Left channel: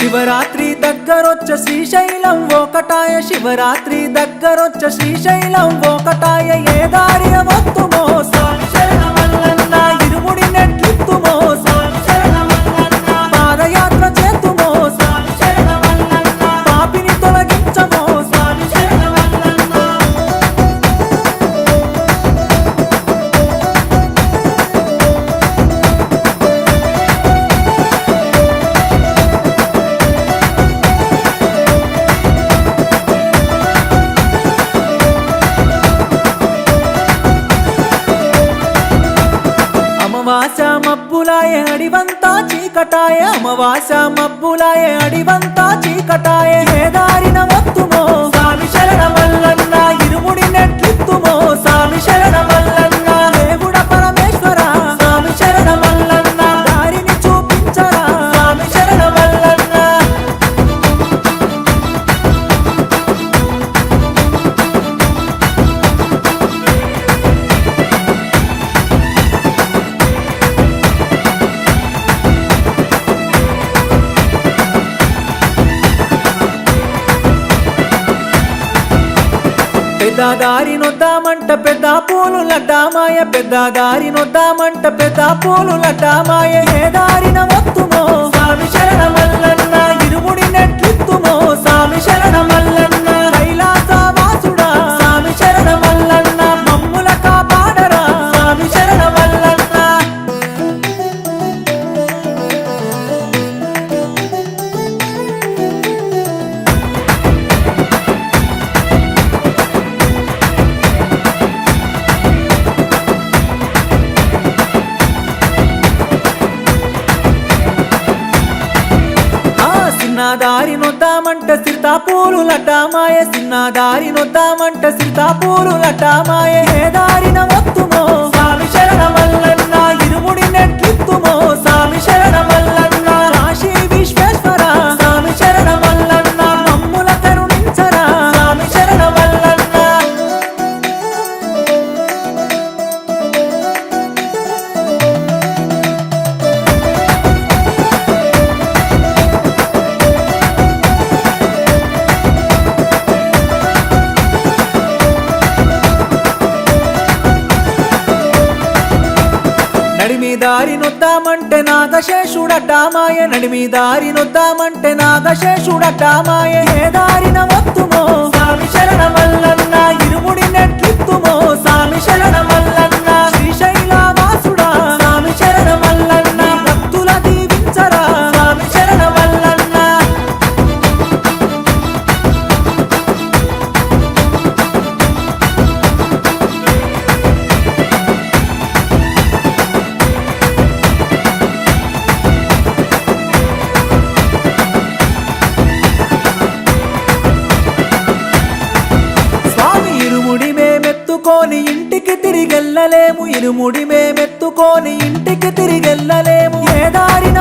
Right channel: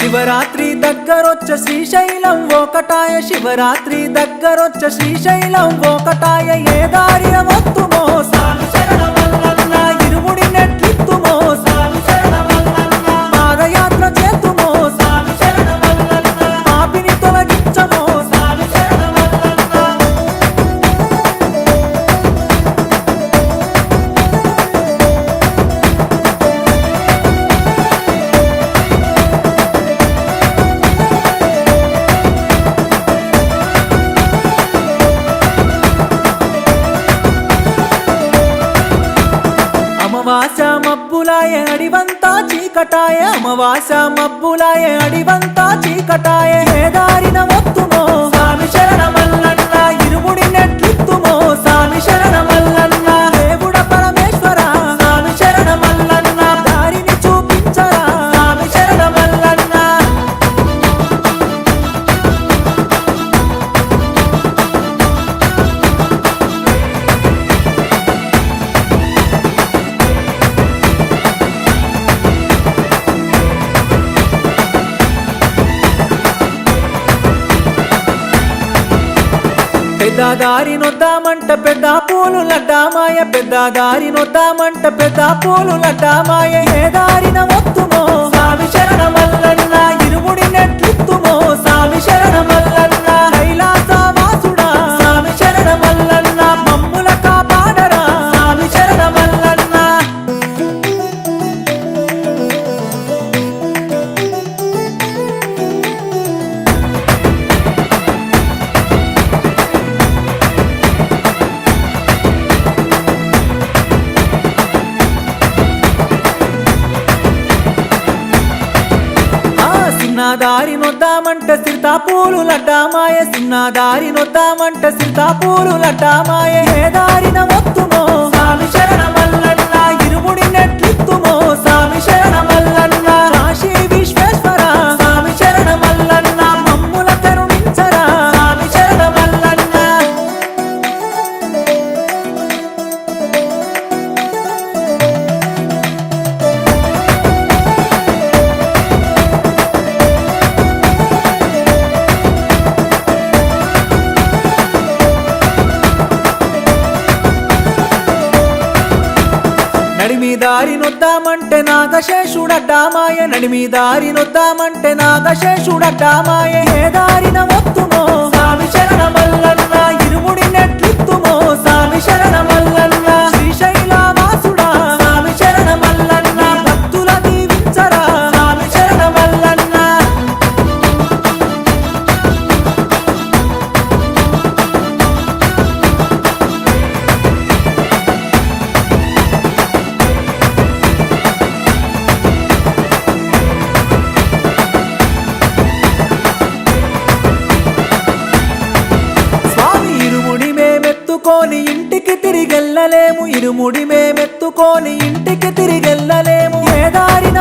శివరాత్రి దగ్గరొచ్చ శ్రీశైలం ఒకటాయ శివరాత్రి దగ్గరొచ్చ శ్రీశైలం ఒకటాయ ఏ దారి వత్తుమో మోస అమవాస మబ్బులాయ అడివంతా చీకటాయ. అమవాస మబ్బులాయ అడివంతా పెద్ద దారి నొద్దామంట పెద్ద పూలు లడ్డామాయ. పెద్ద దారి నొద్దామంట పెద్ద పూలు లడ్డామాయ. ఏ దారిన వత్తుమో స్వామి శరణమల్లన్న ఇరుముడి నెట్లిత్తుమో స్వామి శరణమల్లన్న ఆ సిన్నదారి నొద్దామంట సిరితాపూలు లడ్డామాయ సిన్నదారి నొద్దామంట సిరితా పూలు లడ్డామాయ. ఏ దారిన వత్తుమో స్వామి శరణమల్లన్న ఇరుముడి నెట్లిత్తుమో స్వామి శరణమల్లన్న నడిమి దారి నొద్దామంటే నాగశేషుడడ్డామాయ. నడిమి దారి నొద్దామంటే నాగశేషుడడ్డామాయ. ఏ దారిన వత్తుమో స్వామి శరణమల్లన్న ఎత్తుకొని ఇంటికి తిరిగెళ్ళలేము. ఇరుముడి మేమెత్తుకొని ఇంటికి తిరిగెళ్ళలేము. ఏ దారిన